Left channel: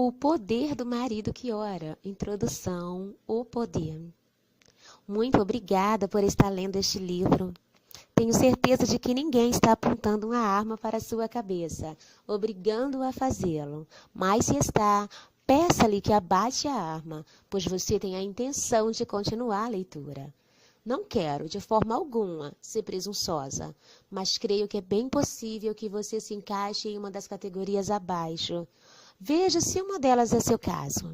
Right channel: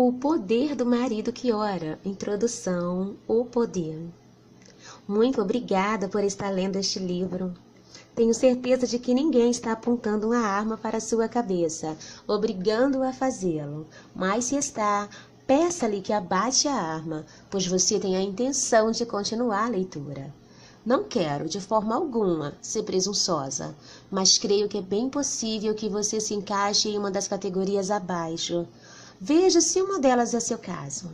O poder do marido que ora. Introdução, o poder. Muito obrigada por estar lendo este livro. Tenho certeza de que ninguém está apontando uma arma para sua cabeça, obrigando-o a fazê-lo. Mas se está, peça-lhe que abaixe a arma, pois você tem a intenção de continuar a leitura. Não quero, de forma alguma, ser presunçosa, mas creio que é bem possível que você se encaixe em uma das categorias abaixo. Veja se uma delas é seu caso.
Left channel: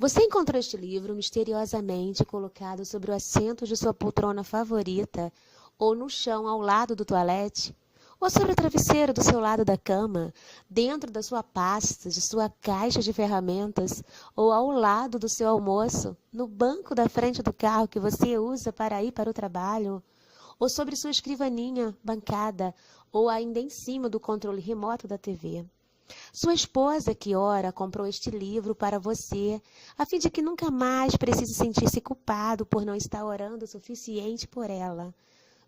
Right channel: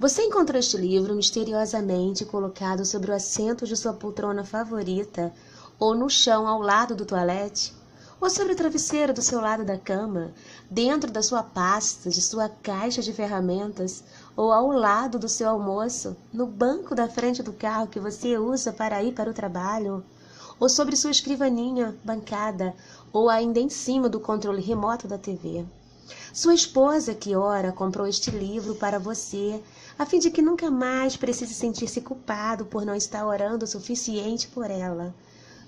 Você encontrou este livro misteriosamente colocado sobre o assento de sua poltrona favorita, ou no chão ao lado do toalete, ou sobre o travesseiro do seu lado da cama, dentro da sua pasta, de sua caixa de ferramentas, ou ao lado do seu almoço, no banco da frente do carro que você usa para ir para o trabalho, ou sobre sua escrivaninha, bancada, ou ainda em cima do controle remoto da TV. Sua esposa, que ora, comprou este livro para você, a fim de que nunca mais precise sentir-se culpado por não estar orando o suficiente por ela.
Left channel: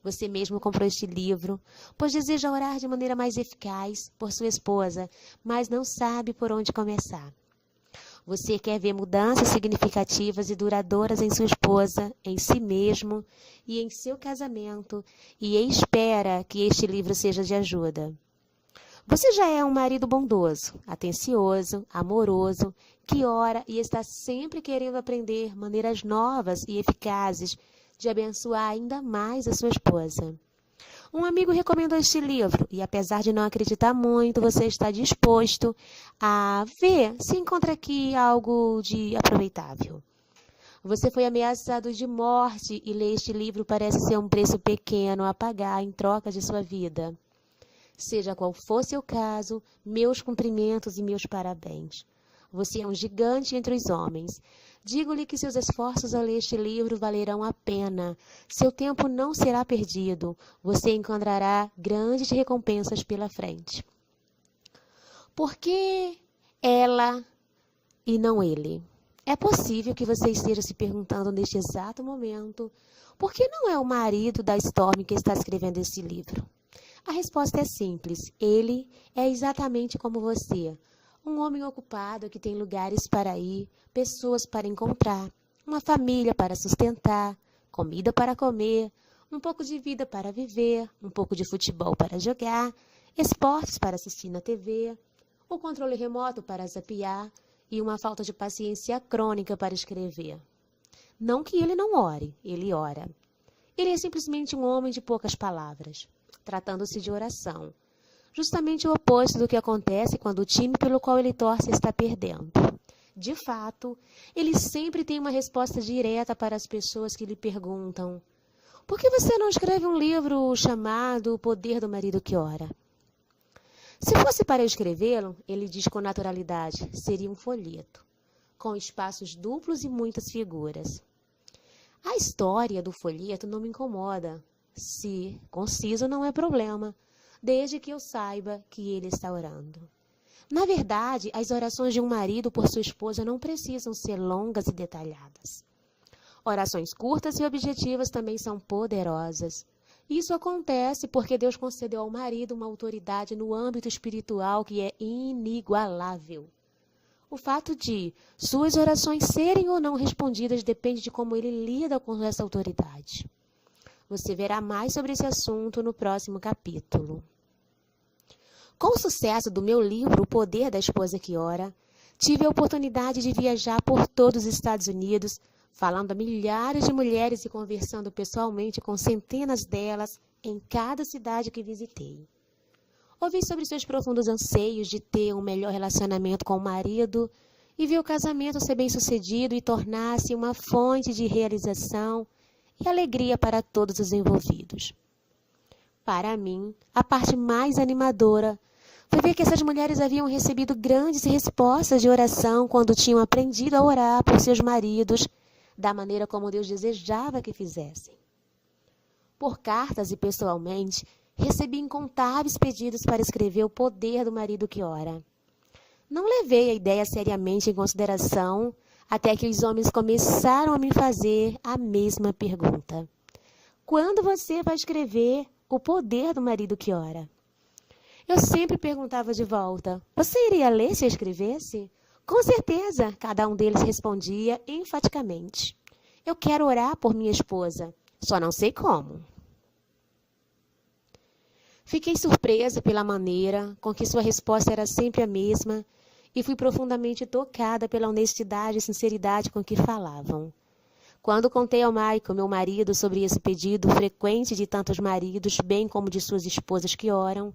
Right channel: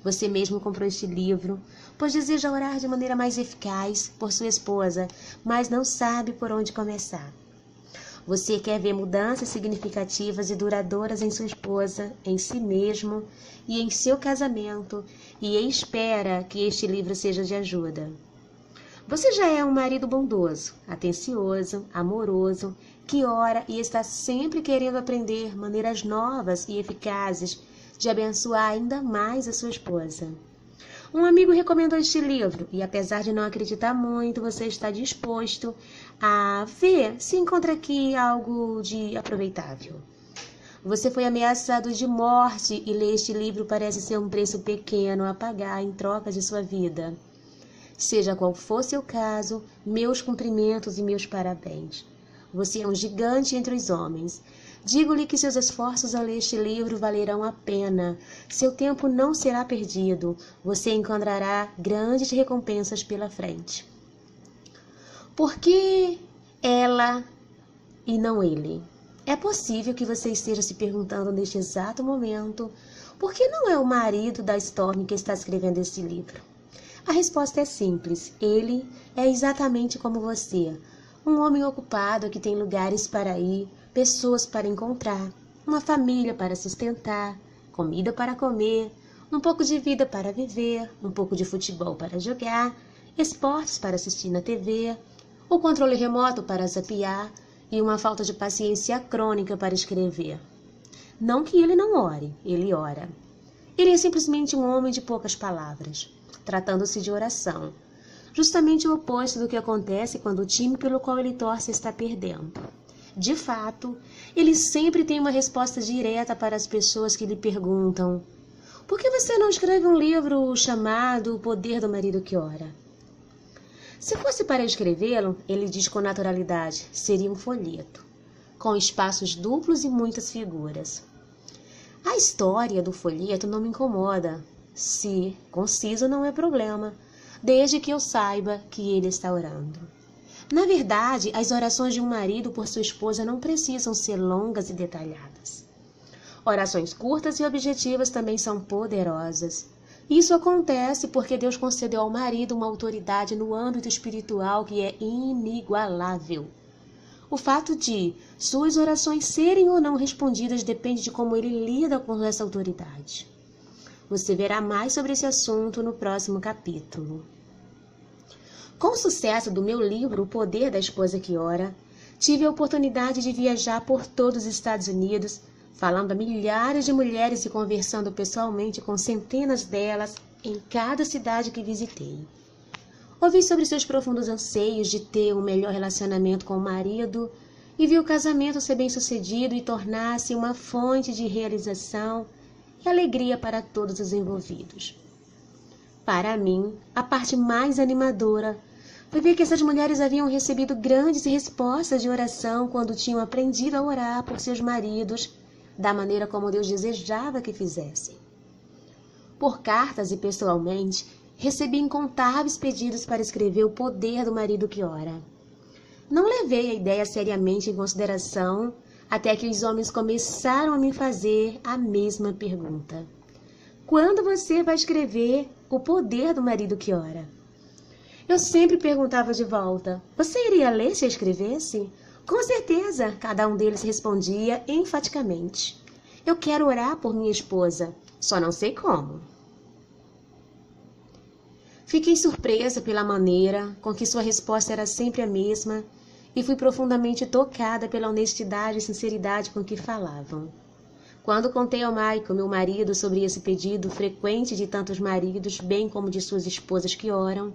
Você mesmo comprou este livro, pois deseja orar de maneira mais eficaz por sua esposa, mas não sabe por onde começar. Você quer ver mudanças significativas e duradouras em sua esposa, em si mesmo e em seu casamento, e espera que este livro seja de ajuda. Você já é um marido bondoso, atencioso, amoroso, que ora e está sempre querendo aprender maneiras novas e eficazes de abençoar ainda mais a sua esposa. Um amigo recomendou este livro e, apesar de não acreditar muito, você está disposto a ver se encontra aqui algo de aproveitável. Você foi ameaçado de morte e ler este livro parece ser um preço pequeno a pagar em troca de sua vida. Seja qual for seu caso, meus cumprimentos e meus parabéns. Você é um gigante entre os homens. Digo-lhe que seus esforços ao ler este livro valerão a pena. Seu tempo não será perdido. Você encontrará grandes recompensas pela frente. Por que ela e não ele? É possível que você esteja se perguntando neste exato momento por que não é o marido da Storm que está escrevendo este livro. A resposta é simples. Ele é exatamente como você. Um homem ocupado que tem lugares para ir, pessoas para encontrar, uma família para sustentar, comida para comer, um pouco de vida para viver, um pouco de futebol para jogar, esportes para assistir na TV, o controle remoto para zapear e uma falta de paciência crônica para escrever. Não que ele não ore, ele ora. Ele é simplesmente um homem de poucas palavras. Tratando-se de oração, justamente o oposto do que acontece quando o time pelo qual ele torce está perdendo. De fato, ele sempre tem uma resposta direta para as pessoas que lhe perguntam: por que você não escreve um livro chamado O Poder do Marido que Ora? Se fosse para eu escrevê-lo, ele diz com naturalidade, seria um folheto, com espaços duplos e muitas figuras. A história do folheto não me incomoda. Se conciso não é problema, desde que eu saiba que ele está orando. Na verdade, as orações de um marido por sua esposa não precisam ser longas e detalhadas. Orações curtas e objetivas também são poderosas. Isso acontece porque Deus concedeu ao marido uma autoridade no âmbito espiritual que é inigualável. O fato de suas orações serem ou não respondidas depende de como ele lida com essa autoridade. Você verá mais sobre esse assunto no próximo capítulo. Com o sucesso do meu livro O Poder da Esposa que Ora, tive a oportunidade de viajar por todos os Estados Unidos, falando a milhares de mulheres e conversando pessoalmente com centenas delas em cada cidade que visitei. Ouvi sobre seus profundos anseios de ter um melhor relacionamento com o marido e vi o casamento ser bem-sucedido e tornar-se uma fonte de realização e alegria para todos os envolvidos. Para mim, a parte mais animadora foi ver que essas mulheres haviam recebido grandes respostas de oração quando tinham aprendido a orar por seus maridos da maneira como Deus desejava que fizessem. Por cartas e pessoalmente, recebi incontáveis pedidos para escrever O Poder do Marido que Ora. Não levei a ideia seriamente em consideração até que os homens começaram a me fazer a mesma pergunta. Quando você vai escrever O Poder do Marido que Ora? Eu sempre perguntava de volta, você iria ler se eu escrevesse? Com certeza, cada um deles respondia enfaticamente. Eu quero orar por minha esposa, só não sei como. Fiquei surpresa pela maneira com que sua resposta era sempre a mesma e fui profundamente tocada pela honestidade e sinceridade com que falavam. Quando contei ao Michael, meu marido, sobre esse pedido frequente de tantos maridos, bem como de suas esposas que oram,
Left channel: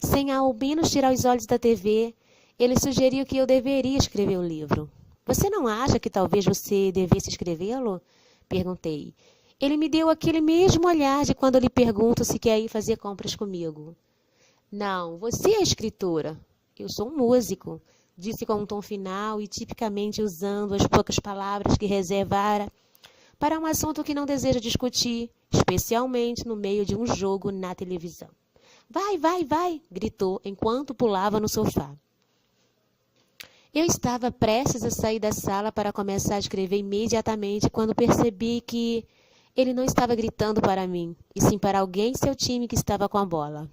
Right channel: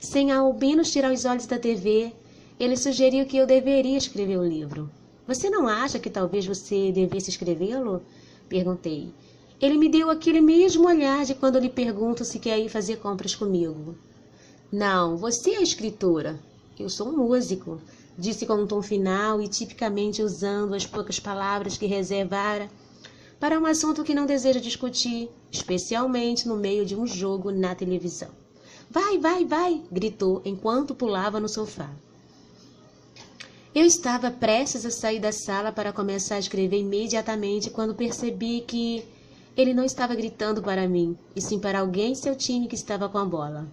sem ao menos tirar os olhos da TV, ele sugeriu que eu deveria escrever o livro. Você não acha que talvez você devesse escrevê-lo? Perguntei. Ele me deu aquele mesmo olhar de quando lhe pergunto se quer ir fazer compras comigo. Não, você é a escritora. Eu sou um músico, disse com um tom final e tipicamente usando as poucas palavras que reservara para um assunto que não deseja discutir, especialmente no meio de um jogo na televisão. Vai, vai, vai, gritou enquanto pulava no sofá. Eu estava prestes a sair da sala para começar a escrever imediatamente quando percebi que ele não estava gritando para mim, e sim para alguém em seu time que estava com a bola.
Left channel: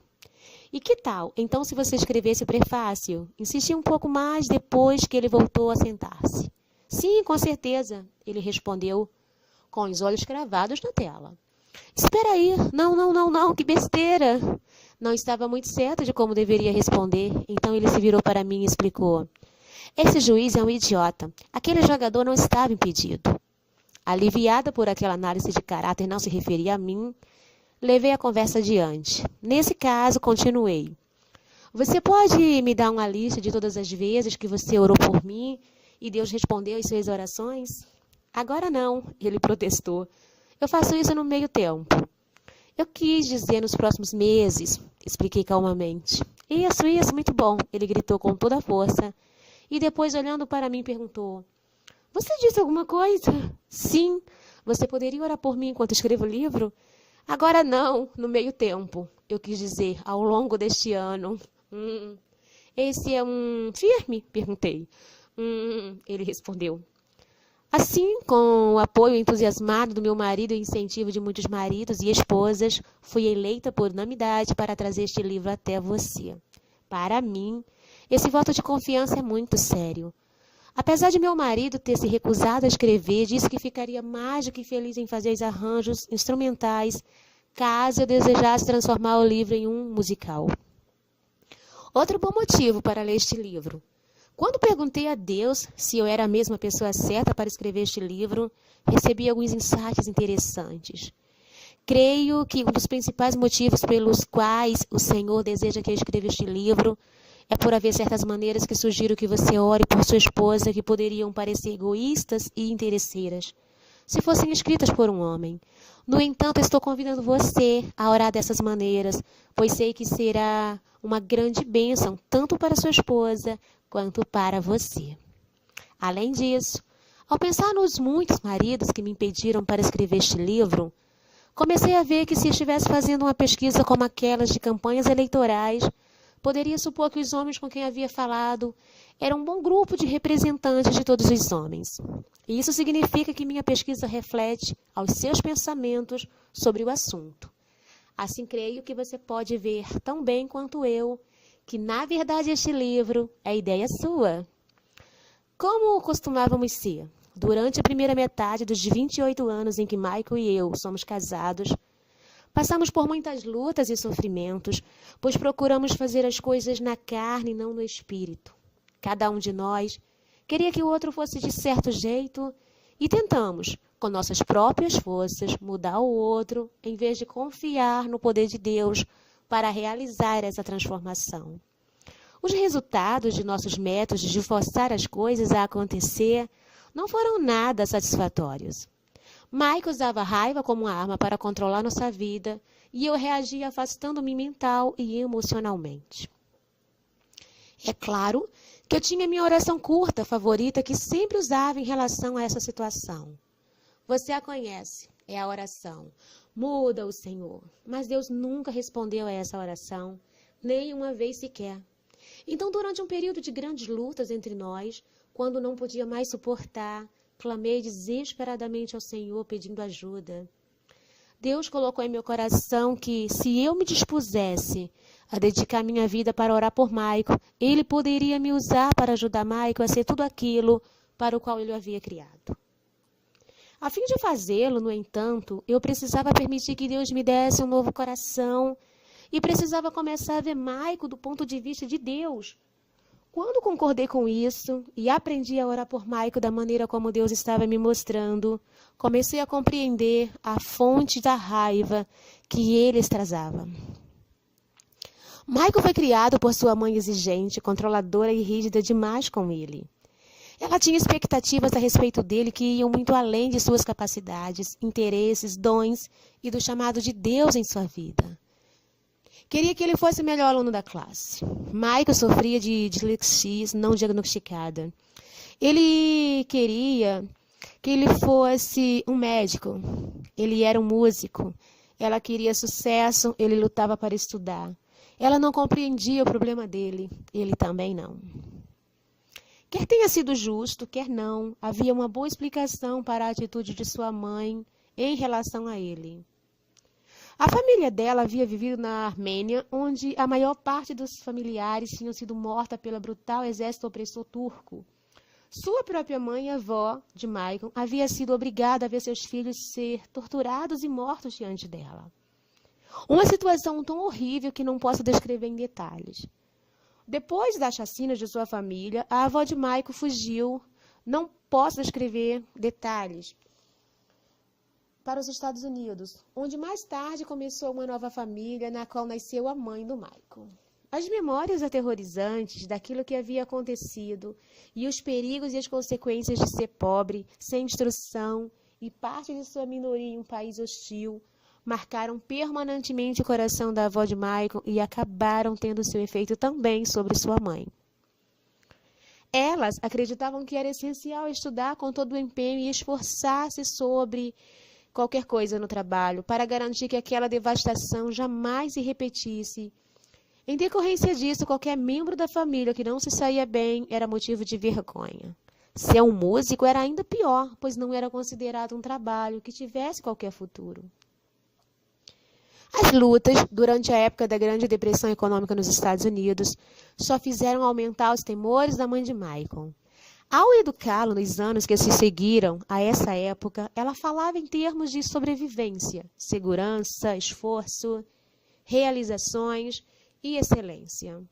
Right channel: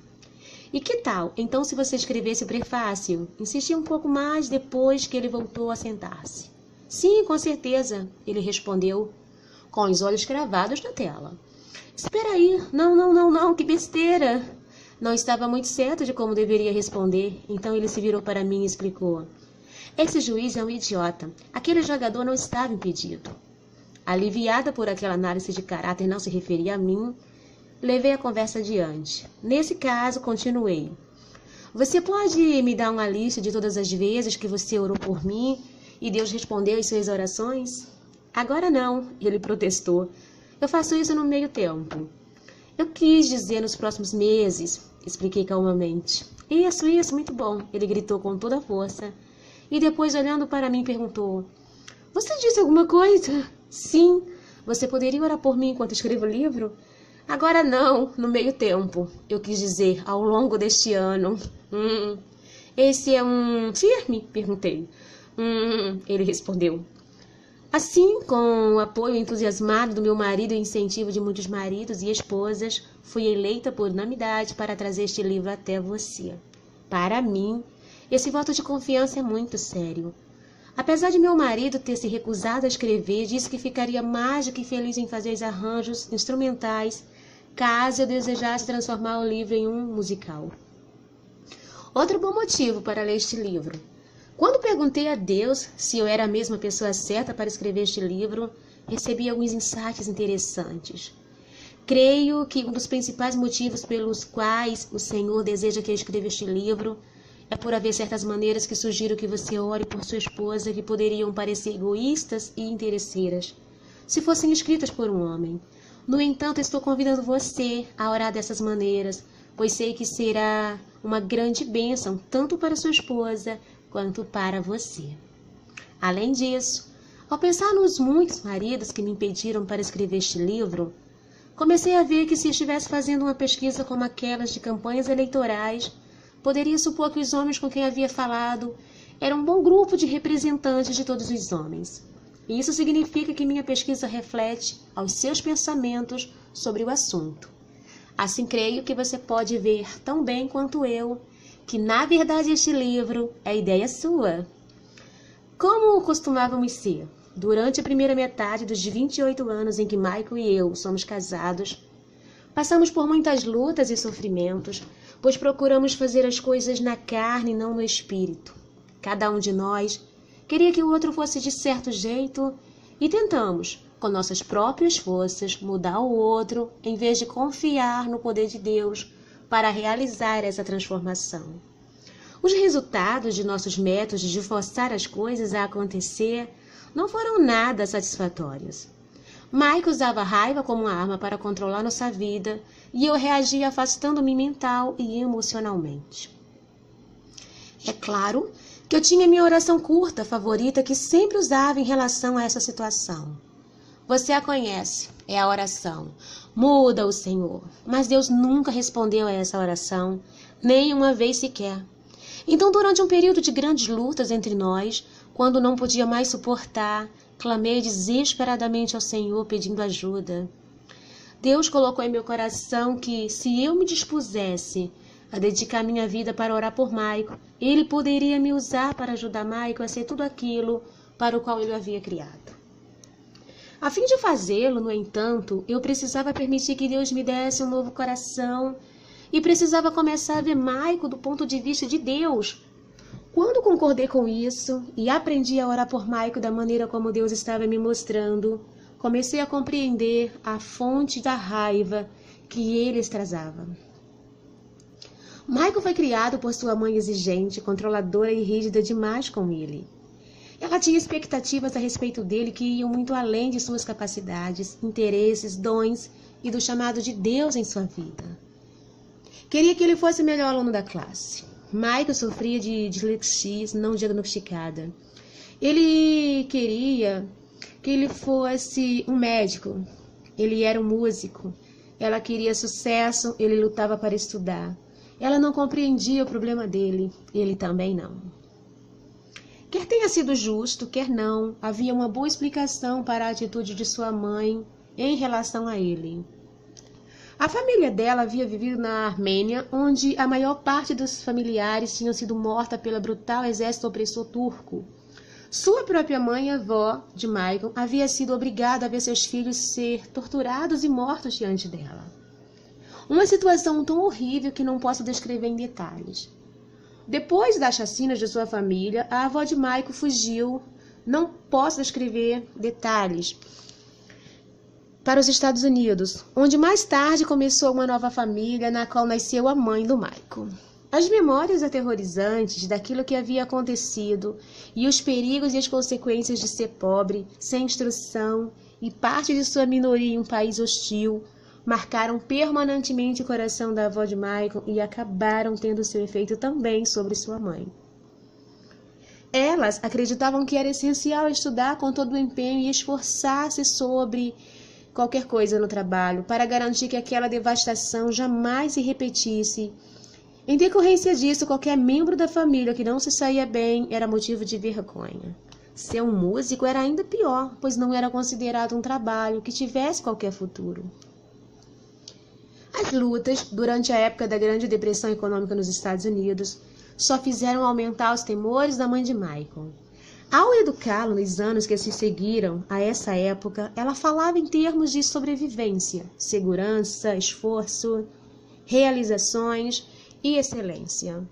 E que tal, então, se você escrevesse o prefácio? Insisti um pouco mais depois que ele voltou a sentar-se. Sim, com certeza, ele respondeu, com os olhos cravados na tela. Espera aí, não, que besteira. Não estava muito certo de como deveria responder, então ele se virou para mim e explicou. Esse juiz é um idiota. Aquele jogador não estava impedido. Aliviada por aquela análise de caráter não se referia a mim, levei a conversa adiante. Nesse caso, continuei. Você pode me dar uma lista de todas as vezes que você orou por mim e Deus respondeu às suas orações? Agora não, ele protestou. Eu faço isso no meio tempo. Eu quis dizer nos próximos meses, expliquei calmamente. Isso, muito bom, ele gritou com toda a força. E depois, olhando para mim, perguntou. Você disse alguma coisa? Sim. Você poderia orar por mim enquanto escrevo o livro? Agora não, no meio tempo. Eu quis dizer, ao longo deste ano. Esse é um firme? Perguntei. Ele respondeu. Assim, com o apoio entusiasmado do meu marido e incentivo de muitos maridos e esposas, fui eleita por unanimidade para trazer este livro até você. Para mim, esse voto de confiança é muito sério. Apesar de meu marido ter se recusado a escrever, disse que ficaria mais do que feliz em fazer os arranjos instrumentais, caso eu desejasse transformar o livro em um musical. Outro bom motivo para ler este livro. Quando perguntei a Deus se eu era a mesma pessoa certa para escrever este livro, recebi alguns insights interessantes. Creio que um dos principais motivos pelos quais o Senhor deseja que eu escreva este livro é por haver certas maneiras que sugiro que você ore por sua esposa que poderiam parecer egoístas e interesseiras, se fossem escritas por um homem. No entanto, estou convidando você a orar dessas maneiras, pois sei que será uma grande bênção tanto para sua esposa quanto para você. Além disso, ao pensar nos muitos maridos que me impediram para escrever este livro, comecei a ver que se estivesse fazendo uma pesquisa como aquelas de campanhas eleitorais, poderia supor que os homens com quem havia falado eram um bom grupo de representantes de todos os homens. E isso significa que minha pesquisa reflete aos seus pensamentos sobre o assunto. Assim, creio que você pode ver tão bem quanto eu que, na verdade, este livro é ideia sua. Como costumávamos ser, durante a primeira metade dos 28 anos em que Michael e eu somos casados, passamos por muitas lutas e sofrimentos, pois procuramos fazer as coisas na carne e não no espírito. Cada um de nós queria que o outro fosse de certo jeito e tentamos, com nossas próprias forças, mudar o outro, em vez de confiar no poder de Deus para realizar essa transformação. Os resultados de nossos métodos de forçar as coisas a acontecer não foram nada satisfatórios. Mike usava a raiva como uma arma para controlar nossa vida e eu reagia afastando-me mental e emocionalmente. É claro que eu tinha minha oração curta favorita que sempre usava em relação a essa situação. Você a conhece, é a oração. Muda o Senhor. Mas Deus nunca respondeu a essa oração, nem uma vez sequer. Então, durante um período de grandes lutas entre nós, quando não podia mais suportar, clamei desesperadamente ao Senhor pedindo ajuda. Deus colocou em meu coração que, se eu me dispusesse a dedicar minha vida para orar por Michael. Ele poderia me usar para ajudar Michael a ser tudo aquilo para o qual ele o havia criado. A fim de fazê-lo, no entanto, eu precisava permitir que Deus me desse um novo coração e precisava começar a ver Michael do ponto de vista de Deus. Quando concordei com isso e aprendi a orar por Michael da maneira como Deus estava me mostrando, comecei a compreender a fonte da raiva que ele extravasava. Michael foi criado por sua mãe exigente, controladora e rígida demais com ele. Ela tinha expectativas a respeito dele que iam muito além de suas capacidades, interesses, dons e do chamado de Deus em sua vida. Queria que ele fosse o melhor aluno da classe. Michael sofria de dislexia não diagnosticada. Ele queria que ele fosse um médico. Ele era um músico. Ela queria sucesso, ele lutava para estudar. Ela não compreendia o problema dele, ele também não. Quer tenha sido justo, quer não, havia uma boa explicação para a atitude de sua mãe em relação a ele. A família dela havia vivido na Armênia, onde a maior parte dos familiares tinham sido morta pelo brutal exército opressor turco. Sua própria mãe, a avó de Michael, havia sido obrigada a ver seus filhos ser torturados e mortos diante dela. Uma situação tão horrível que não posso descrever em detalhes. Depois das chacinas de sua família, a avó de Michael fugiu, não posso descrever detalhes, para os Estados Unidos, onde mais tarde começou uma nova família, na qual nasceu a mãe do Michael. As memórias aterrorizantes daquilo que havia acontecido e os perigos e as consequências de ser pobre, sem instrução e parte de sua minoria em um país hostil, marcaram permanentemente o coração da avó de Michael e acabaram tendo seu efeito também sobre sua mãe. Elas acreditavam que era essencial estudar com todo o empenho e esforçar-se sobre qualquer coisa no trabalho para garantir que aquela devastação jamais se repetisse. Em decorrência disso, qualquer membro da família que não se saía bem era motivo de vergonha. Ser um músico era ainda pior, pois não era considerado um trabalho que tivesse qualquer futuro. As lutas, durante a época da Grande Depressão Econômica nos Estados Unidos, só fizeram aumentar os temores da mãe de Michael. Ao educá-lo nos anos que se seguiram a essa época, ela falava em termos de sobrevivência, segurança, esforço, realizações e excelência.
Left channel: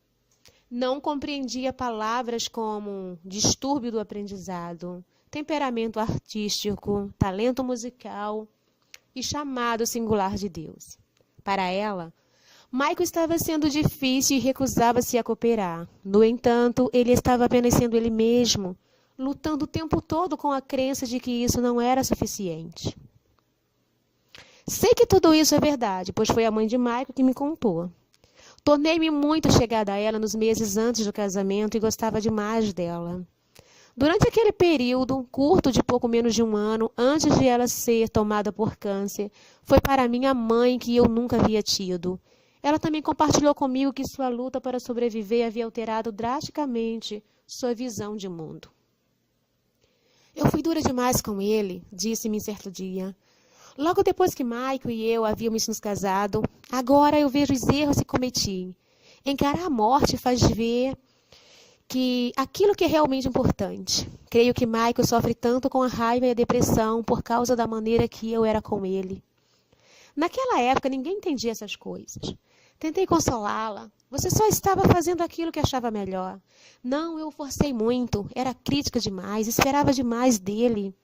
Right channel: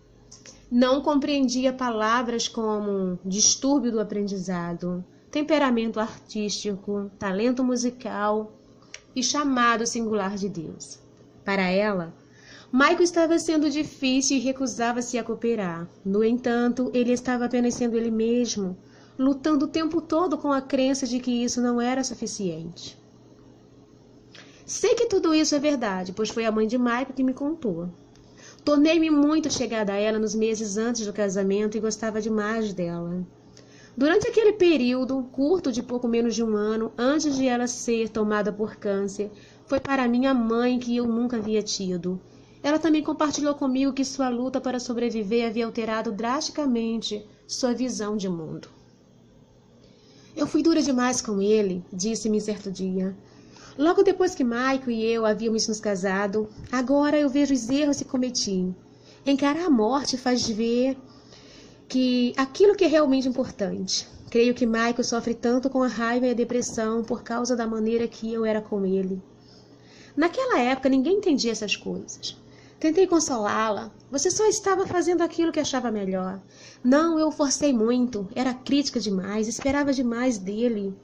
Não compreendia palavras como distúrbio do aprendizado, temperamento artístico, talento musical e chamado singular de Deus. Para ela, Michael estava sendo difícil e recusava-se a cooperar. No entanto, ele estava apenas sendo ele mesmo, lutando o tempo todo com a crença de que isso não era suficiente. Sei que tudo isso é verdade, pois foi a mãe de Michael que me contou. Tornei-me muito chegada a ela nos meses antes do casamento e gostava demais dela. Durante aquele período, curto de pouco menos de um ano, antes de ela ser tomada por câncer, foi para mim a mãe que eu nunca havia tido. Ela também compartilhou comigo que sua luta para sobreviver havia alterado drasticamente sua visão de mundo. Eu fui dura demais com ele, disse-me certo dia. Logo depois que Michael e eu havíamos nos casado, agora eu vejo os erros que cometi. Encarar a morte faz ver que aquilo que é realmente importante. Creio que Michael sofre tanto com a raiva e a depressão por causa da maneira que eu era com ele. Naquela época, ninguém entendia essas coisas. Tentei consolá-la. Você só estava fazendo aquilo que achava melhor. Não, eu forcei muito. Era crítica demais. Esperava demais dele.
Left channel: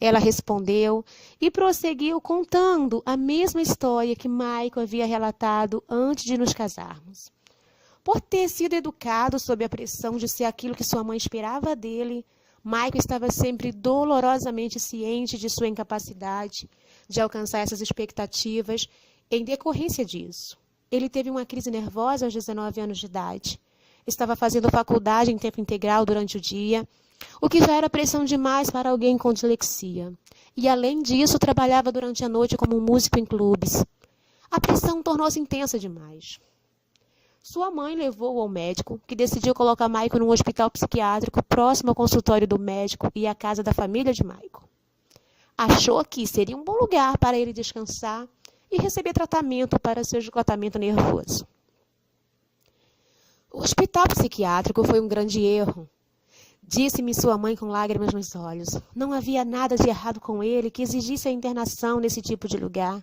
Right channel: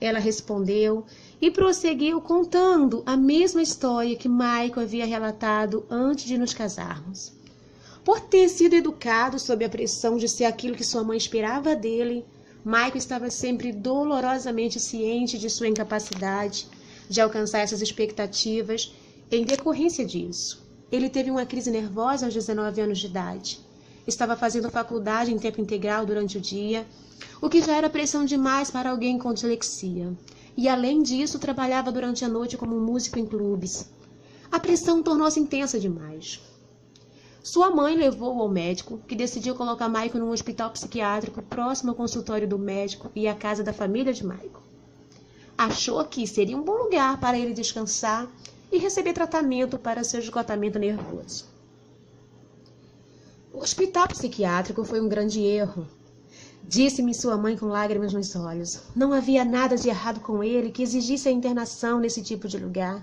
Ela respondeu e prosseguiu contando a mesma história que Michael havia relatado antes de nos casarmos. Por ter sido educado sob a pressão de ser aquilo que sua mãe esperava dele, Michael estava sempre dolorosamente ciente de sua incapacidade de alcançar essas expectativas em decorrência disso. Ele teve uma crise nervosa aos 19 anos de idade. Estava fazendo faculdade em tempo integral durante o dia, o que já era pressão demais para alguém com dislexia. E, além disso, trabalhava durante a noite como músico em clubes. A pressão tornou-se intensa demais. Sua mãe levou-o ao médico, que decidiu colocar Michael num hospital psiquiátrico próximo ao consultório do médico e à casa da família de Michael. Achou que seria um bom lugar para ele descansar e receber tratamento para seu esgotamento nervoso. O hospital psiquiátrico foi um grande erro, disse-me sua mãe com lágrimas nos olhos. Não havia nada de errado com ele que exigisse a internação nesse tipo de lugar.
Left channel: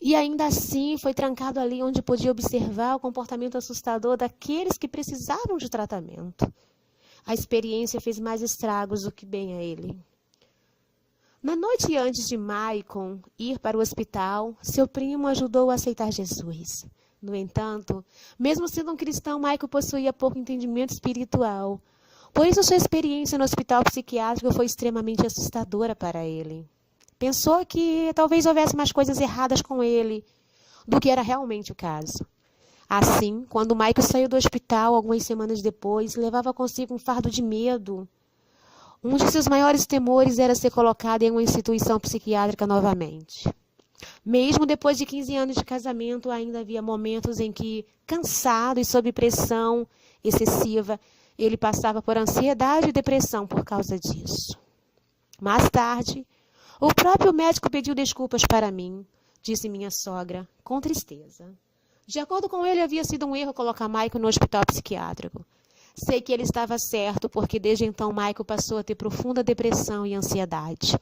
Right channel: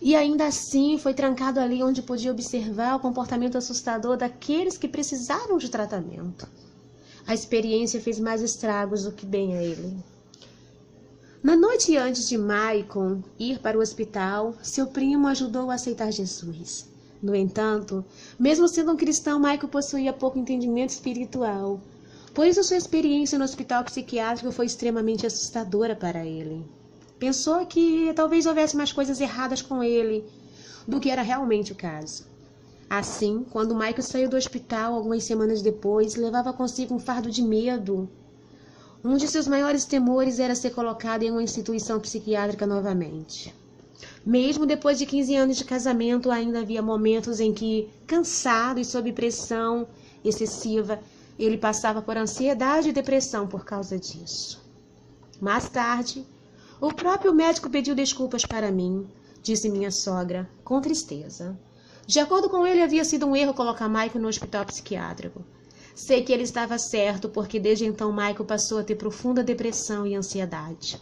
E ainda assim foi trancado ali onde podia observar o comportamento assustador daqueles que precisavam de tratamento. A experiência fez mais estragos do que bem a ele. Na noite antes de Maicon ir para o hospital, seu primo ajudou a aceitar Jesus. No entanto, mesmo sendo um cristão, Maicon possuía pouco entendimento espiritual. Por isso, sua experiência no hospital psiquiátrico foi extremamente assustadora para ele. Pensou que talvez houvesse mais coisas erradas com ele do que era realmente o caso. Assim, quando Maicon saiu do hospital algumas semanas depois, levava consigo um fardo de medo. Um de seus maiores temores era ser colocado em uma instituição psiquiátrica novamente. Mesmo depois de 15 anos de casamento, ainda havia momentos em que, cansado e sob pressão excessiva, ele passava por ansiedade e depressão por causa disso. Mais tarde, o próprio médico pediu desculpas para mim, disse minha sogra, com tristeza. De acordo com ele, havia sido um erro colocar Maicon no hospital psiquiátrico. Sei que ele estava certo, porque desde então Maicon passou a ter profunda depressão e ansiedade.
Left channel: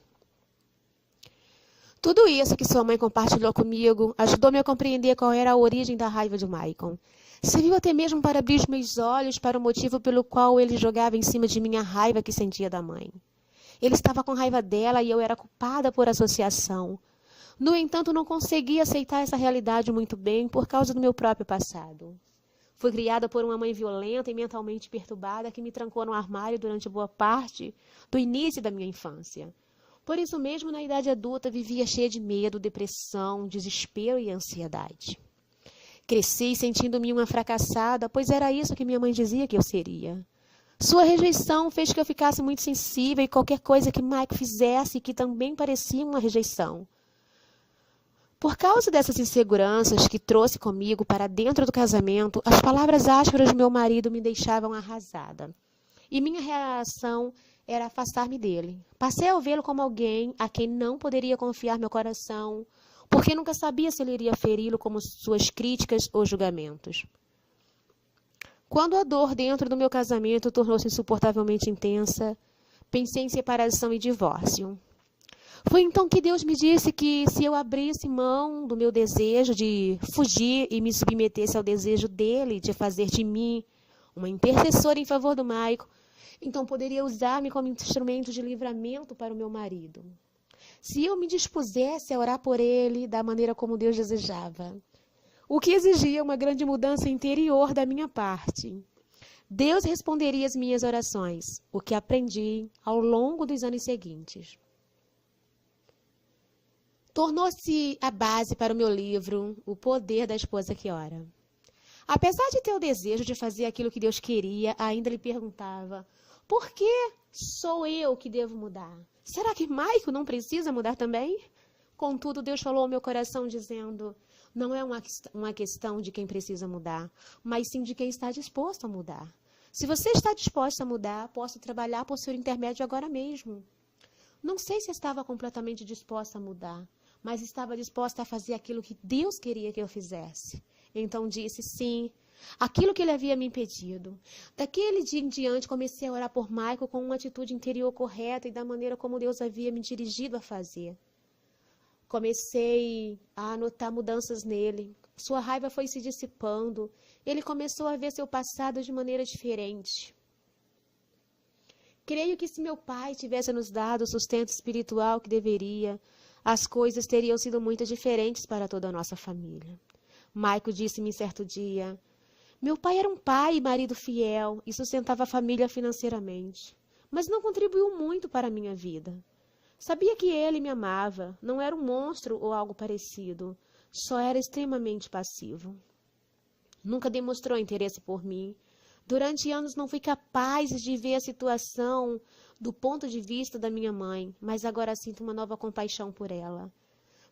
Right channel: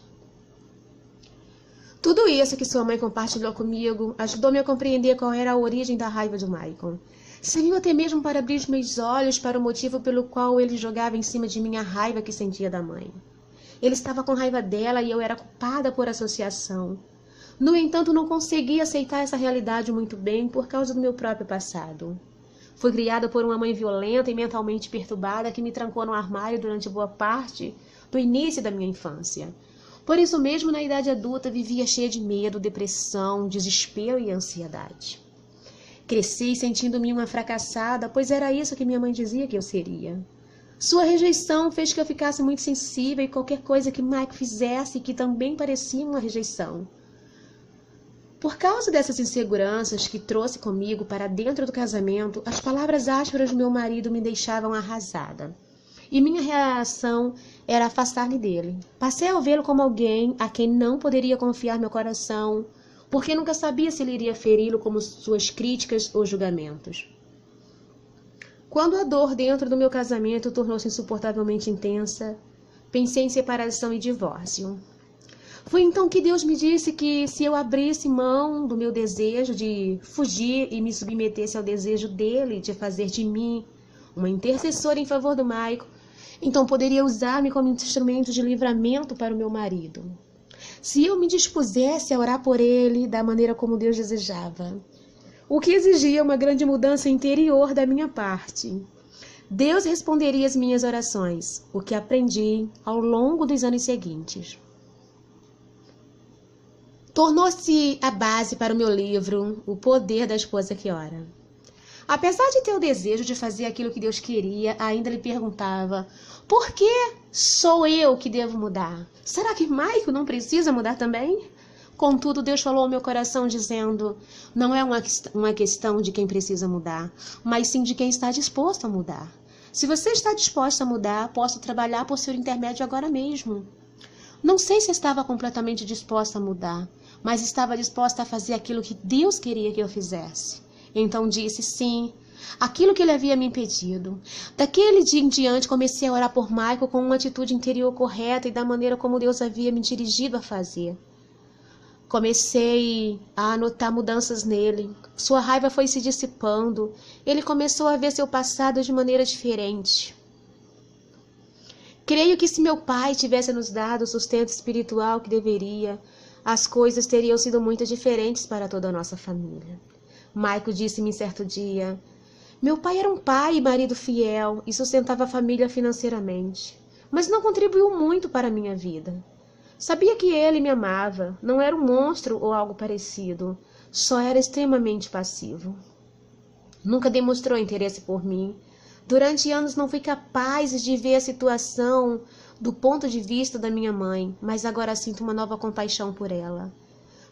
Tudo isso que sua mãe compartilhou comigo ajudou-me a compreender qual era a origem da raiva de Maicon. Serviu até mesmo para abrir os meus olhos para o motivo pelo qual ele jogava em cima de mim a raiva que sentia da mãe. Ele estava com raiva dela e eu era culpada por associação. No entanto, não conseguia aceitar essa realidade muito bem por causa do meu próprio passado. Fui criada por uma mãe violenta e mentalmente perturbada que me trancou no armário durante boa parte do início da minha infância. Por isso mesmo, na idade adulta, vivia cheia de medo, depressão, desespero e ansiedade. Cresci sentindo-me uma fracassada, pois era isso que minha mãe dizia que eu seria. Sua rejeição fez que eu ficasse muito sensível e qualquer coisa que Maicon fizesse que também parecia uma rejeição. Por causa dessas inseguranças que trouxe comigo para dentro do casamento, as palavras ásperas do meu marido me deixavam arrasada. E minha reação era afastar-me dele. Passei a vê-lo como alguém a quem não poderia confiar meu coração, porque nunca sabia se ele iria feri-lo com suas críticas ou julgamentos. Quando a dor dentro do meu casamento tornou-se insuportavelmente intensa, pensei em separação e divórcio. Foi então que Deus me disse que se eu abrisse mão do meu desejo de fugir e me submetesse ao desejo dele de fazer de mim uma intercessora em favor do Maicon, então poderia usar-me como instrumento de livramento para o meu marido. Se eu me dispusesse a orar por ele da maneira como Deus desejava, o que exigia uma grande mudança interior da minha parte, Deus responderia às minhas orações, o que aprendi ao longo dos anos seguintes. Tornou-se a base para o meu livro, O Poder da Esposa que Ora. Apesar de ter o desejo de fazer aquilo que Deus queria, ainda lhe perguntava, por que sou eu que devo mudar? Será que Maicon não precisa mudar também? Contudo, Deus falou ao meu coração dizendo, não é uma questão de quem precisa mudar, mas sim de quem está disposto a mudar. Se você está disposto a mudar, posso trabalhar por seu intermédio agora mesmo. Não sei se estava completamente disposta a mudar, mas estava disposta a fazer aquilo que Deus queria que eu fizesse. Então disse sim, aquilo que ele havia me impedido. Daquele dia em diante comecei a orar por Maicon com uma atitude interior correta e da maneira como Deus havia me dirigido a fazer. Comecei a notar mudanças nele. Sua raiva foi se dissipando. Ele começou a ver seu passado de maneira diferente. Creio que se meu pai tivesse nos dado o sustento espiritual que deveria, as coisas teriam sido muito diferentes para toda a nossa família. Maicon disse-me certo dia, meu pai era um pai e marido fiel e sustentava a família financeiramente, mas não contribuiu muito para a minha vida. Sabia que ele me amava, não era um monstro ou algo parecido, só era extremamente passivo. Nunca demonstrou interesse por mim. Durante anos não fui capaz de ver a situação do ponto de vista da minha mãe, mas agora sinto uma nova compaixão por ela.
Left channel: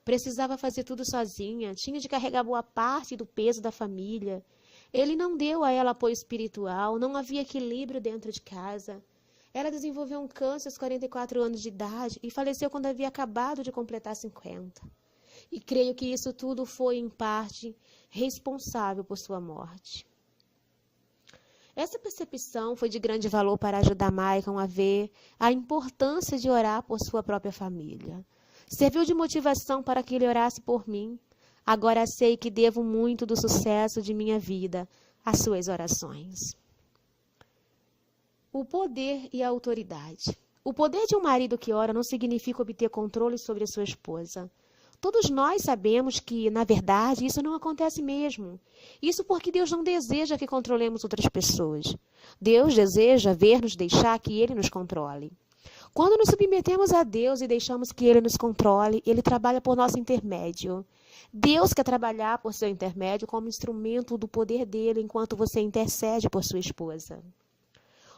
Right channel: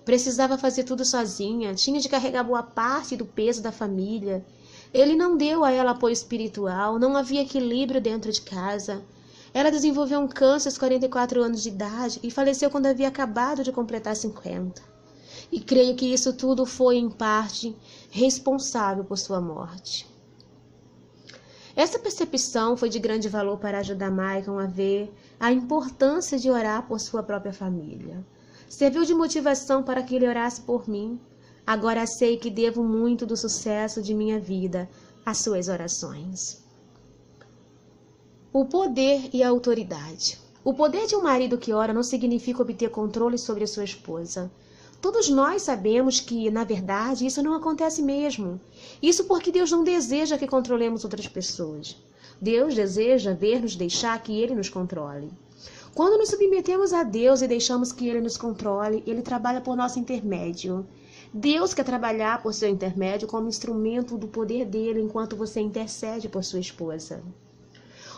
Precisava fazer tudo sozinha, tinha de carregar boa parte do peso da família. Ele não deu a ela apoio espiritual, não havia equilíbrio dentro de casa. Ela desenvolveu um câncer aos 44 anos de idade e faleceu quando havia acabado de completar 50. E creio que isso tudo foi, em parte, responsável por sua morte. Essa percepção foi de grande valor para ajudar Maicon a ver a importância de orar por sua própria família. Serviu de motivação para que ele orasse por mim. Agora sei que devo muito do sucesso de minha vida às suas orações. O poder e a autoridade. O poder de um marido que ora não significa obter controle sobre a sua esposa. Todos nós sabemos que, na verdade, isso não acontece mesmo. Isso porque Deus não deseja que controlemos outras pessoas. Deus deseja ver-nos deixar que Ele nos controle. Quando nos submetemos a Deus e deixamos que Ele nos controle, Ele trabalha por nosso intermédio. Deus quer trabalhar por seu intermédio como instrumento do poder dele enquanto você intercede por sua esposa.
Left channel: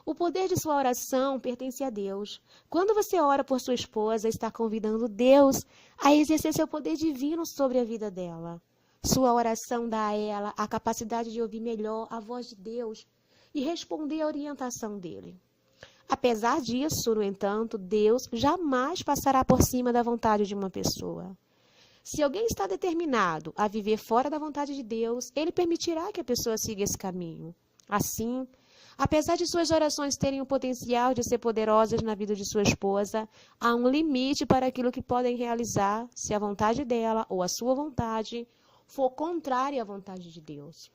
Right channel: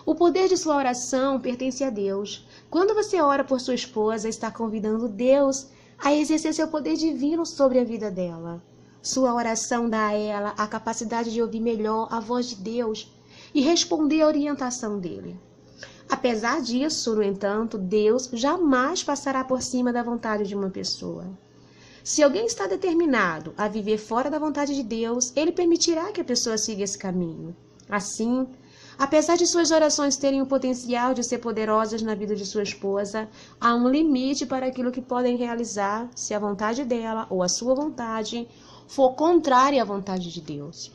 O poder de sua oração pertence a Deus. Quando você ora por sua esposa, está convidando Deus a exercer seu poder divino sobre a vida dela. Sua oração dá a ela a capacidade de ouvir melhor a voz de Deus e responder à orientação dele. Apesar disso, no entanto, Deus jamais passará por cima da vontade de uma pessoa. Se alguém está determinado a viver fora da vontade de Deus, ele permitirá que a pessoa siga esse caminho. Assim, apesar de suas orações terem o potencial de ser poderosas na vida de sua esposa, há um limite para aquilo que podem realizar se a vontade dela ou a sua vontade for contrária à vontade de Deus.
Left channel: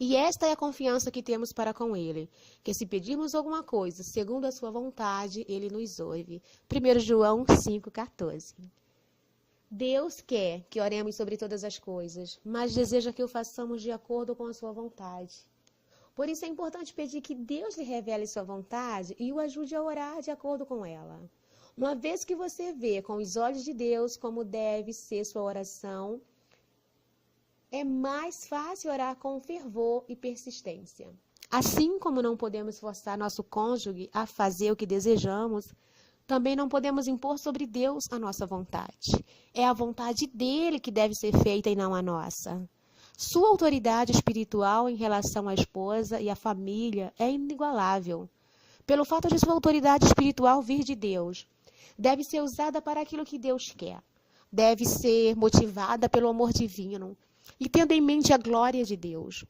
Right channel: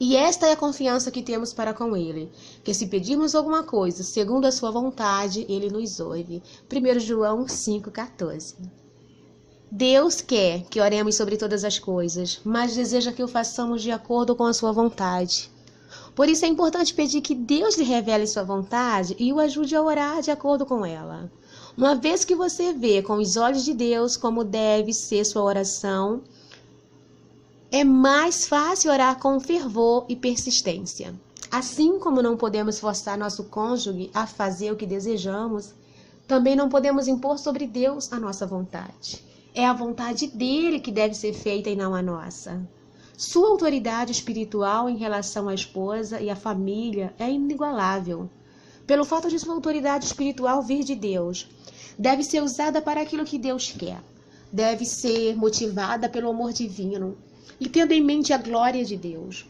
E esta é a confiança que temos para com Ele, que se pedirmos alguma coisa segundo a sua vontade, Ele nos ouve. 1 João 5,14. Deus quer que oremos sobre todas as coisas, mas deseja que o façamos de acordo com a sua vontade. Por isso é importante pedir que Deus lhe revele sua vontade e o ajude a orar de acordo com ela. Uma vez que você vê com os olhos de Deus como deve ser sua oração, é mais fácil orar com fervor e persistência. Assim como não podemos forçar nosso cônjuge a fazer o que desejamos, também não podemos impor sobre Deus a nossa vontade. É a vontade dele que deve ser feita e não a nossa. Sua autoridade espiritual em relação à esposa e à família é inigualável. Pelo fato de sua autoridade espiritual vir de Deus, deve ser usada para aquilo que Deus quer. Deve ser motivada pelo amor divino e tendo em mente a glória de Deus.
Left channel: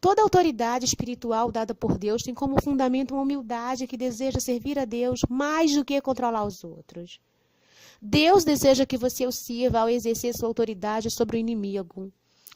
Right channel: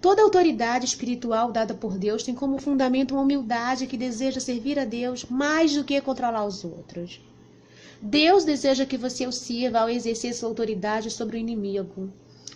Toda autoridade espiritual dada por Deus tem como fundamento uma humildade que deseja servir a Deus mais do que controlar os outros. Deus deseja que você o sirva ao exercer sua autoridade sobre o inimigo.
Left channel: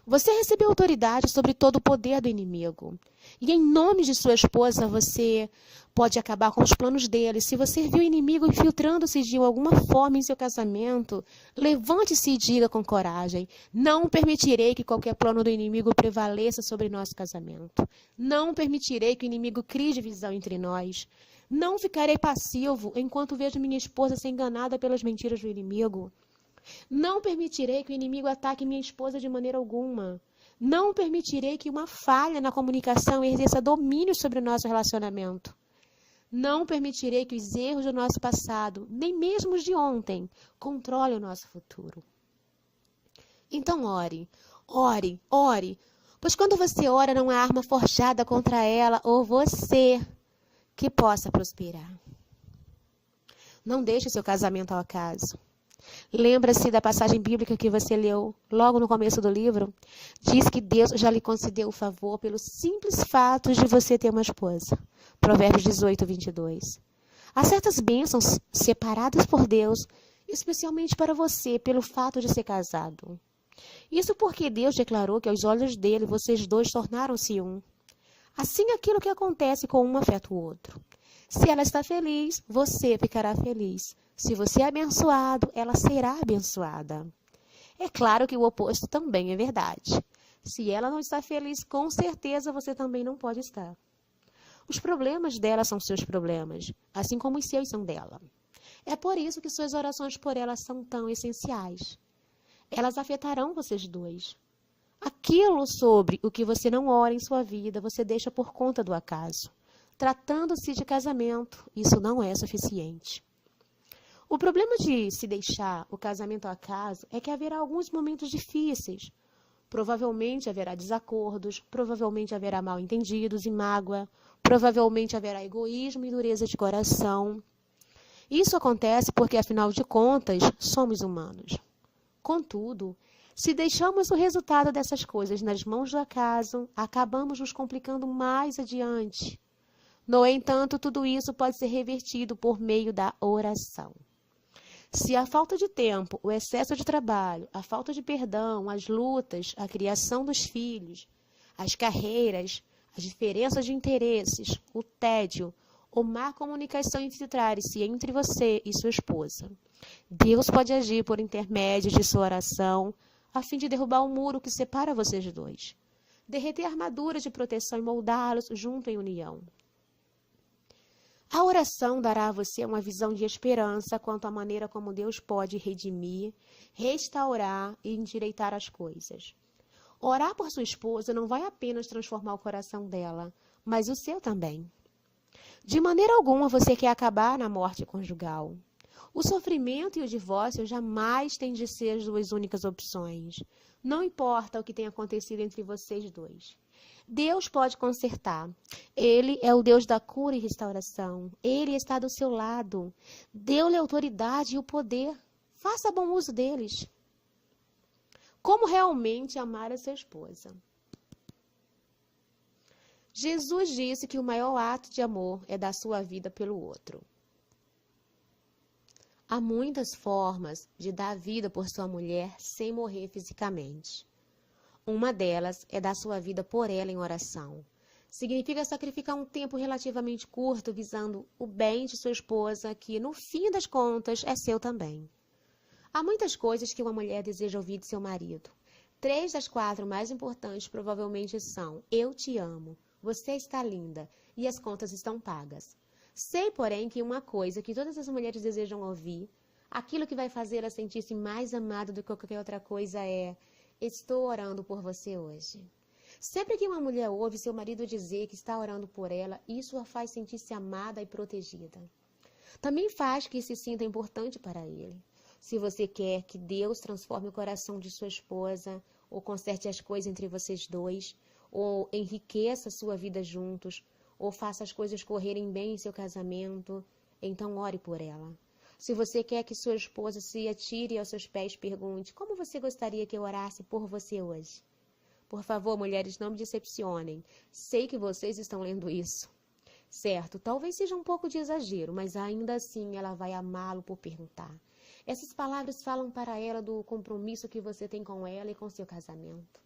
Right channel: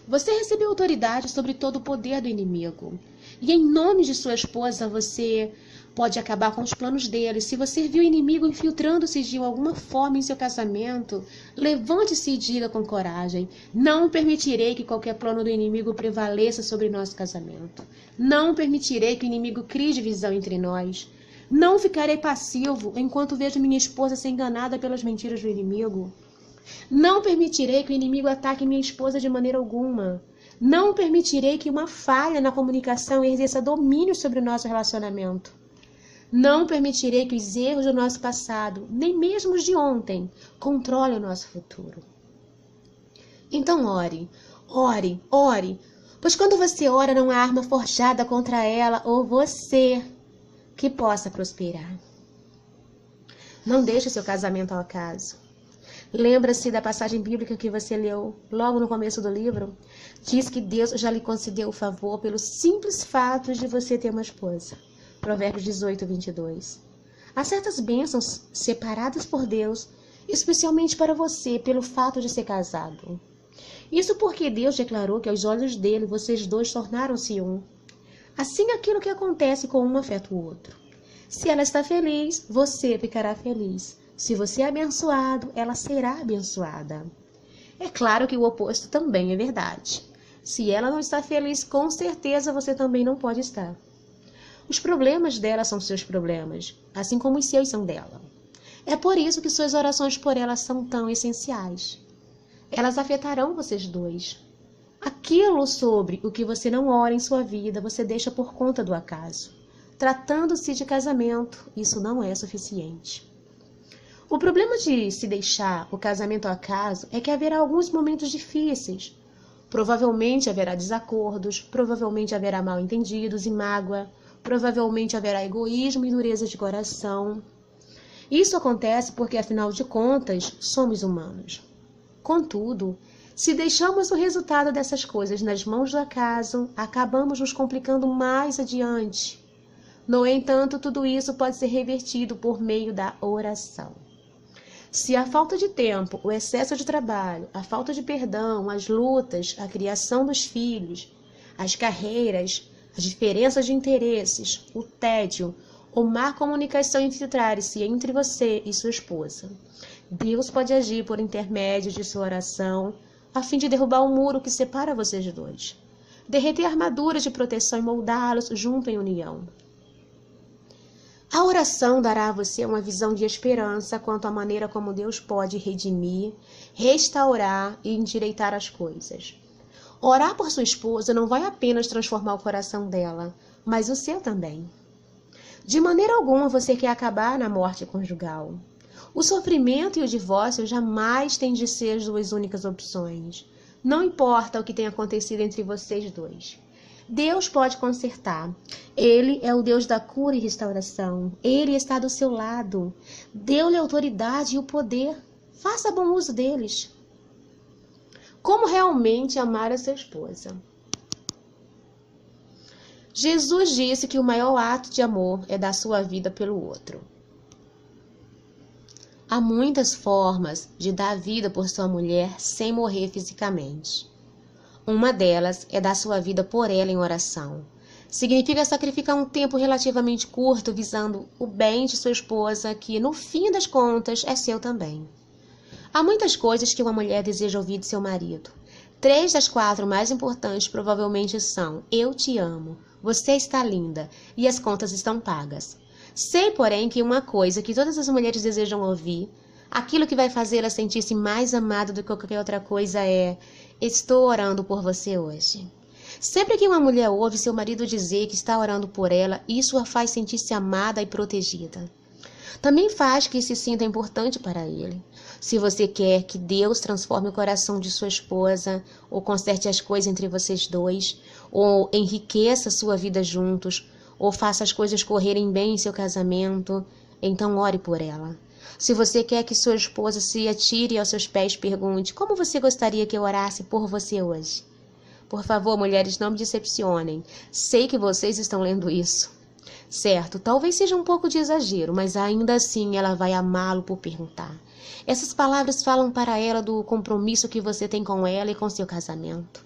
Você recebeu autoridade sobre todo o poder do inimigo. E em nome de sua esposa, você pode acabar com os planos dele. Se você viu o inimigo infiltrando-se de alguma forma em seu casamento, levante-se e diga com coragem: não permitirei que qualquer plano do inimigo prevaleça sobre nosso casamento. Não permitirei que o inimigo crie divisão entre nós. Não ficarei passivo enquanto vejo minha esposa ser enganada pelas mentiras do inimigo. Não permitirei que o inimigo ataque minha esposa de maneira alguma. Não permitirei que uma falha na comunicação exerça domínio sobre o nosso relacionamento. Não permitirei que os erros do nosso passado, nem mesmo os de ontem, controlem o nosso futuro. Então ore, ore, ore, pois quando você ora não há arma forjada contra ela ou você que possa prosperar. Não deixe seu casamento ao acaso. Lembra-se da passagem bíblica que você leu logo no começo do livro? Diz que Deus já lhe concedeu o favor pelo simples fato de você ter uma esposa. Provérbios 18, 22. Há certas bênçãos separadas por Deus, especialmente para você, pelo fato de ser casado. Isso porque Deus declarou que aos olhos dele vocês dois tornaram-se um. Assim aquilo que acontece com um afeta o outro. Se ela está feliz, você ficará feliz. Se você é abençoado, ela será abençoada. É claro que o oposto também é verdade. Se ela não está feliz, com certeza você também não pode estar. Os problemas dela são seus problemas, assim como os seus são dela. É por isso que suas orações por ela são tão essenciais. Elas afetarão vocês dois. Aquilo sobre o que você não ora em sua vida, você deixa por conta do acaso. Tratando-se de casamento, isso não é suficiente. O problema de se deixar o casamento ao acaso é que haverá alguns momentos difíceis. Provavelmente haverá desacordos, provavelmente haverá mal-entendidos e mágoa, provavelmente haverá egoísmo e dureza de coração. Isso acontece porque, afinal de contas, somos humanos. Contudo, Se deixamos o resultado dessas coisas nas mãos do acaso, acabamos nos complicando mais adiante. No entanto, tudo isso pode ser revertido por meio da oração. Se a falta de tempo, o excesso de trabalho, a falta de perdão, as lutas, a criação dos filhos, as carreiras, as diferenças de interesses, o tédio ou má comunicação infiltrarem-se entre você e sua esposa, Deus pode agir por intermédio de sua oração a fim de derrubar o muro que separa vocês dois, derreter armaduras de proteção e moldá-los junto em união. A oração dará a você uma visão de esperança quanto à maneira como Deus pode redimir, restaurar e endireitar as coisas. Orar por sua esposa não vai apenas transformar o coração dela, mas o seu também. De maneira alguma você quer acabar na morte conjugal. O sofrimento e o divórcio jamais têm de ser as duas únicas opções. Não importa o que tenha acontecido entre vocês dois. Deus pode consertar. Ele é o Deus da cura e restauração. Ele está do seu lado. Deu-lhe a autoridade e o poder. Faça bom uso deles. Como realmente amar a sua esposa? Jesus disse que o maior ato de amor é dar sua vida pelo outro. Há muitas formas de dar vida por sua mulher sem morrer fisicamente. Uma delas é dar sua vida por ela em oração. Significa sacrificar um tempo relativamente curto visando o bem de sua esposa, que no fim das contas é seu também. Há muitas coisas que uma mulher deseja ouvir de seu marido. 3 das 4 mais importantes provavelmente são: eu te amo, você está linda e as contas estão pagas. Sei, porém, que uma coisa que todas as mulheres desejam ouvir, aquilo que vai fazê-la sentir-se mais amada do que qualquer outra coisa é: estou orando por você hoje. Sempre que uma mulher ouve seu marido dizer que está orando por ela, isso a faz sentir-se amada e protegida. Também faz que se sinta importante para ele. Se você quer que Deus transforme o coração de sua esposa, ou conserte as coisas entre vocês dois, ou enriqueça sua vida juntos, ou faça as coisas correrem bem em seu casamento, então ore por ela. Se você quer que sua esposa se atire aos seus pés, pergunte: como você gostaria que eu orasse por você hoje? Por favor, mulheres, não me decepcionem. Sei que vocês estão lendo isso. Certo, talvez seja um pouco de exagero, mas ainda assim ela vai amá-lo por perguntar. Essas palavras falam para ela do compromisso que você tem com ela e com seu casamento.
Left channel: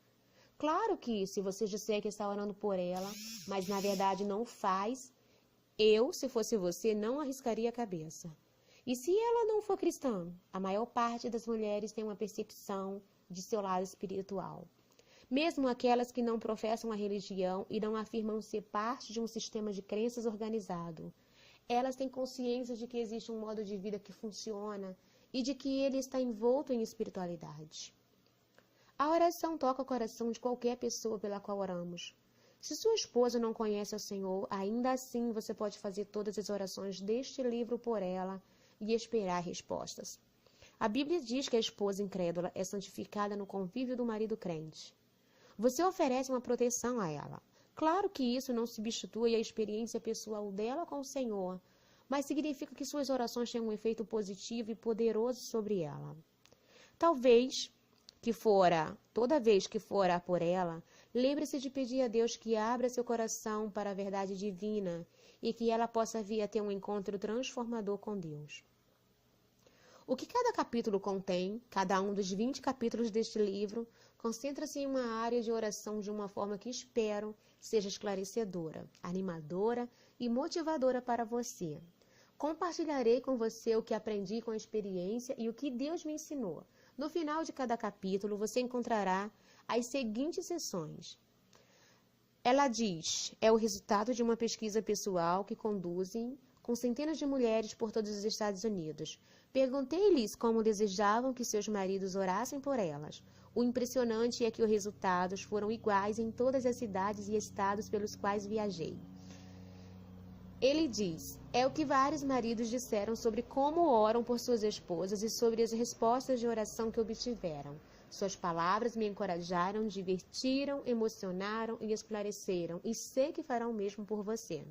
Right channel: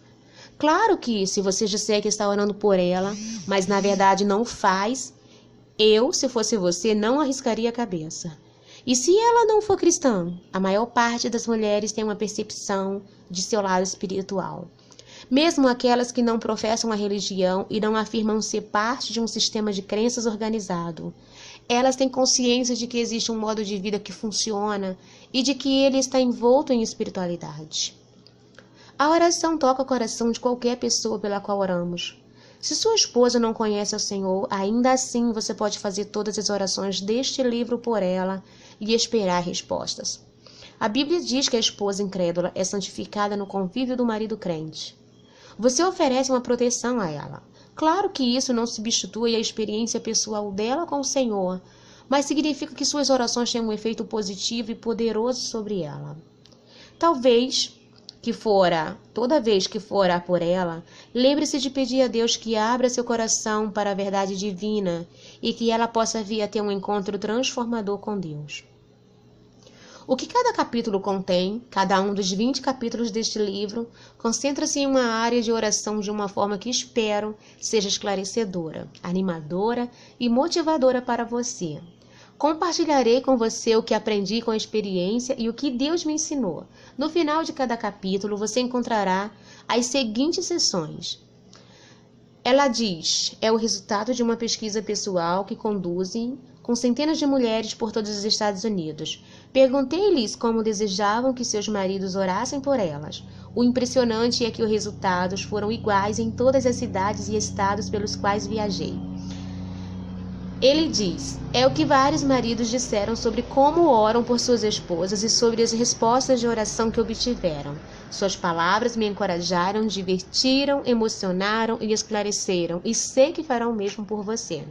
Claro que, se você disser que está orando por ela, mas na verdade não faz, eu, se fosse você, não arriscaria a cabeça. E se ela não for cristã? A maior parte das mulheres tem uma percepção de seu lado espiritual. Mesmo aquelas que não professam a religião e não afirmam ser parte de um sistema de crenças organizado, elas têm consciência de que existe um modo de vida que funciona e de que ele está envolto em espiritualidade. A oração toca o coração de qualquer pessoa pela qual oramos. Se sua esposa não conhece o Senhor, ainda assim você pode fazer todas as orações deste livro por ela e esperar respostas. A Bíblia diz que a esposa incrédula é santificada no convívio do marido crente. Você oferece uma proteção a ela. Claro que isso não substitui a experiência pessoal dela com o Senhor, mas significa que suas orações têm um efeito positivo e poderoso sobre ela. Toda vez que for por ela, lembre-se de pedir a Deus que abra seu coração para a verdade divina e que ela possa vir a ter um encontro transformador com Deus. O que cada capítulo contém, cada um dos 20 capítulos deste livro, concentra-se em uma área de oração de uma forma que espero seja esclarecedora, animadora e motivadora para você. Compartilharei com você o que aprendi com a experiência e o que Deus me ensinou. No final de cada capítulo, você encontrará as seguintes seções. Ela diz: é o resultado de uma pesquisa pessoal que conduzem com centenas de mulheres por todos os Estados Unidos. Perguntei-lhes como desejavam que seus maridos orassem por elas. O impressionante é que os resultados foram iguais em todas as cidades e estados pelos quais viajei. Ele diz: é o que vários maridos disseram sobre como oram por suas esposas e sobre as respostas de oração que obtiveram. Suas palavras me encorajaram, divertiram, emocionaram e esclareceram, e sei que farão o mesmo por você.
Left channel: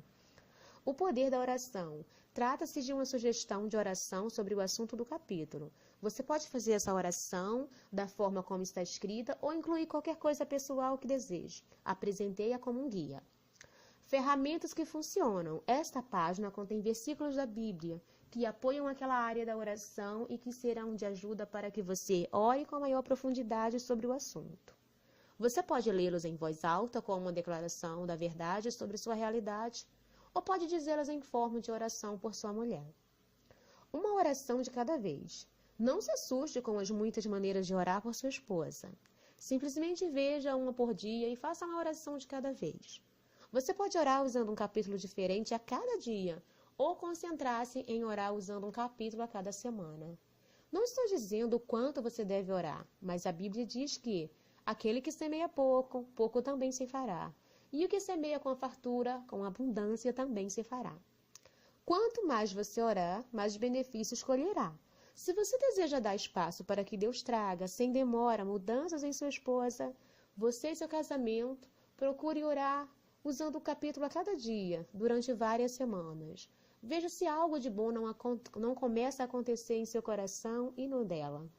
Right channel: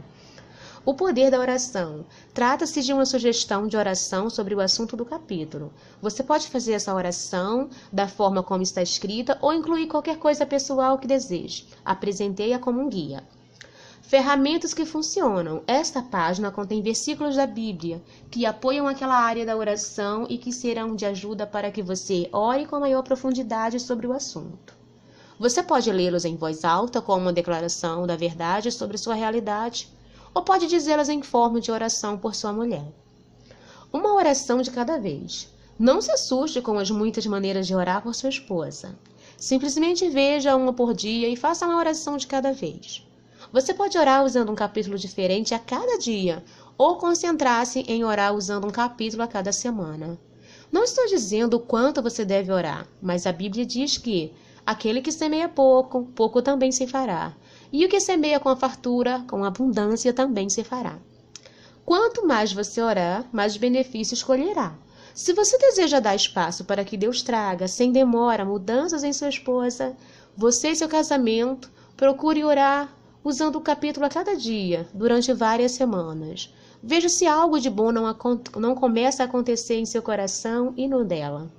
O poder da oração. Trata-se de uma sugestão de oração sobre o assunto do capítulo. Você pode fazer essa oração da forma como está escrita ou incluir qualquer coisa pessoal que deseje. Apresentei-a como um guia. Ferramentas que funcionam. Esta página contém versículos da Bíblia que apoiam aquela área da oração e que serão de ajuda para que você ore com maior profundidade sobre o assunto. Você pode lê-los em voz alta como uma declaração da verdade sobre sua realidade, ou pode dizê-las em forma de oração por sua mulher. Uma oração de cada vez. Não se assuste com as muitas maneiras de orar por sua esposa. Simplesmente veja uma por dia e faça uma oração de cada vez. Você pode orar usando um capítulo diferente a cada dia, ou concentrar-se em orar usando um capítulo a cada semana. Não estou dizendo o quanto você deve orar, mas a Bíblia diz que aquele que semeia pouco, pouco também se fará. E o que semeia com a fartura, com abundância, também se fará. Quanto mais você orar, mais benefícios colherá. Se você deseja dar espaço para que Deus traga, sem demora, mudanças em sua esposa, você e seu casamento, procure orar usando um capítulo a cada dia, durante várias semanas. Veja se algo de bom não começa a acontecer em seu coração e no dela.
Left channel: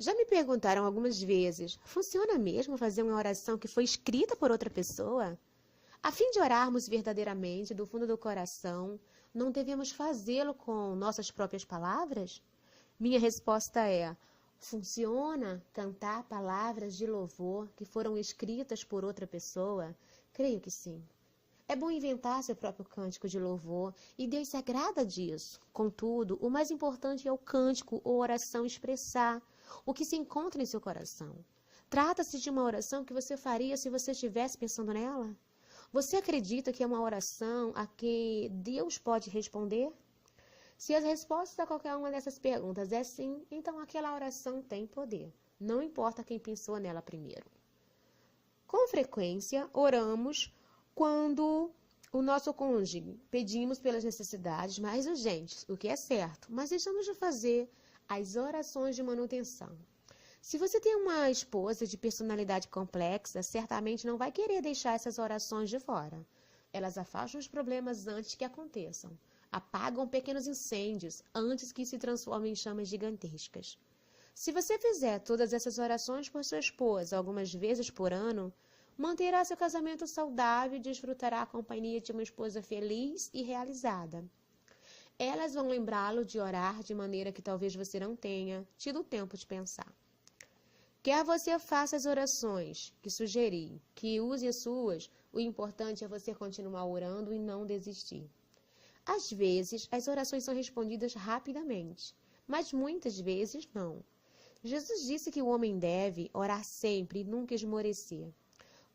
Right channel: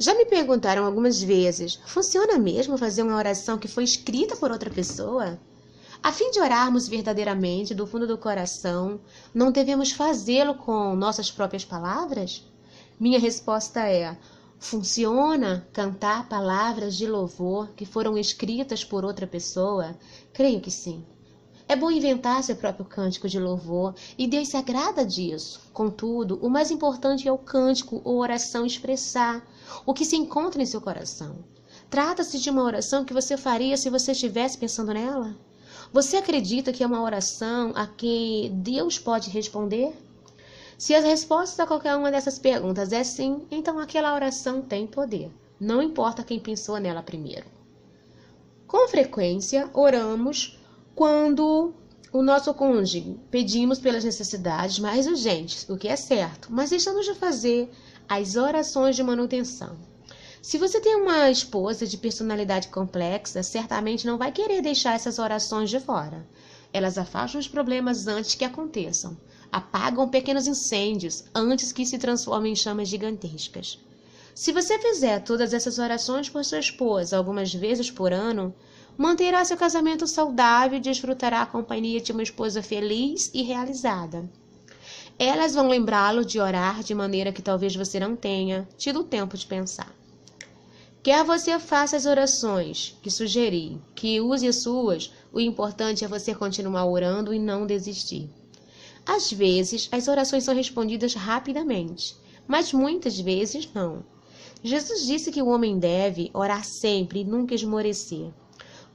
Já me perguntaram algumas vezes, funciona mesmo fazer uma oração que foi escrita por outra pessoa? A fim de orarmos verdadeiramente do fundo do coração, não devemos fazê-lo com nossas próprias palavras? Minha resposta é: funciona cantar palavras de louvor que foram escritas por outra pessoa? Creio que sim. É bom inventar seu próprio cântico de louvor e Deus se agrada disso. Contudo, o mais importante é o cântico ou oração expressar o que se encontra em seu coração. Trata-se de uma oração que você faria se você estivesse pensando nela? Você acredita que é uma oração a que Deus pode responder? Se as respostas a qualquer uma dessas perguntas é sim, então aquela oração tem poder. Não importa quem pensou nela primeiro. Com frequência, oramos quando o nosso cônjuge pedimos pelas necessidades mais urgentes, o que é certo, mas deixamos de fazer as orações de manutenção. Se você tem uma esposa de personalidade complexa, certamente não vai querer deixar essas orações de fora. Elas afastam os problemas antes que aconteçam, apagam pequenos incêndios antes que se transformem em chamas gigantescas. Se você fizer todas essas orações por sua esposa algumas vezes por ano, manterá seu casamento saudável e desfrutará a companhia de uma esposa feliz e realizada. Elas vão lembrá-lo de orar de maneira que talvez você não tenha tido tempo de pensar. Quer você faça as orações que sugeri, que use as suas, o importante é você continuar orando e não desistir. Às vezes, as orações são respondidas rapidamente, mas muitas vezes não. Jesus disse que o homem deve orar sempre e nunca esmorecer.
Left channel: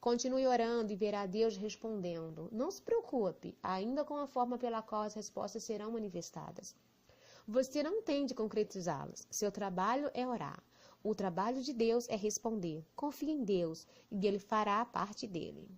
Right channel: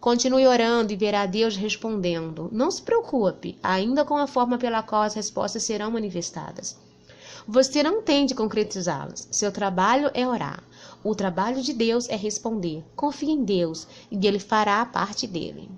Continue orando e verá Deus respondendo. Não se preocupe, ainda com a forma pela qual as respostas serão manifestadas. Você não tem de concretizá-las. Seu trabalho é orar. O trabalho de Deus é responder. Confie em Deus e Ele fará a parte dele.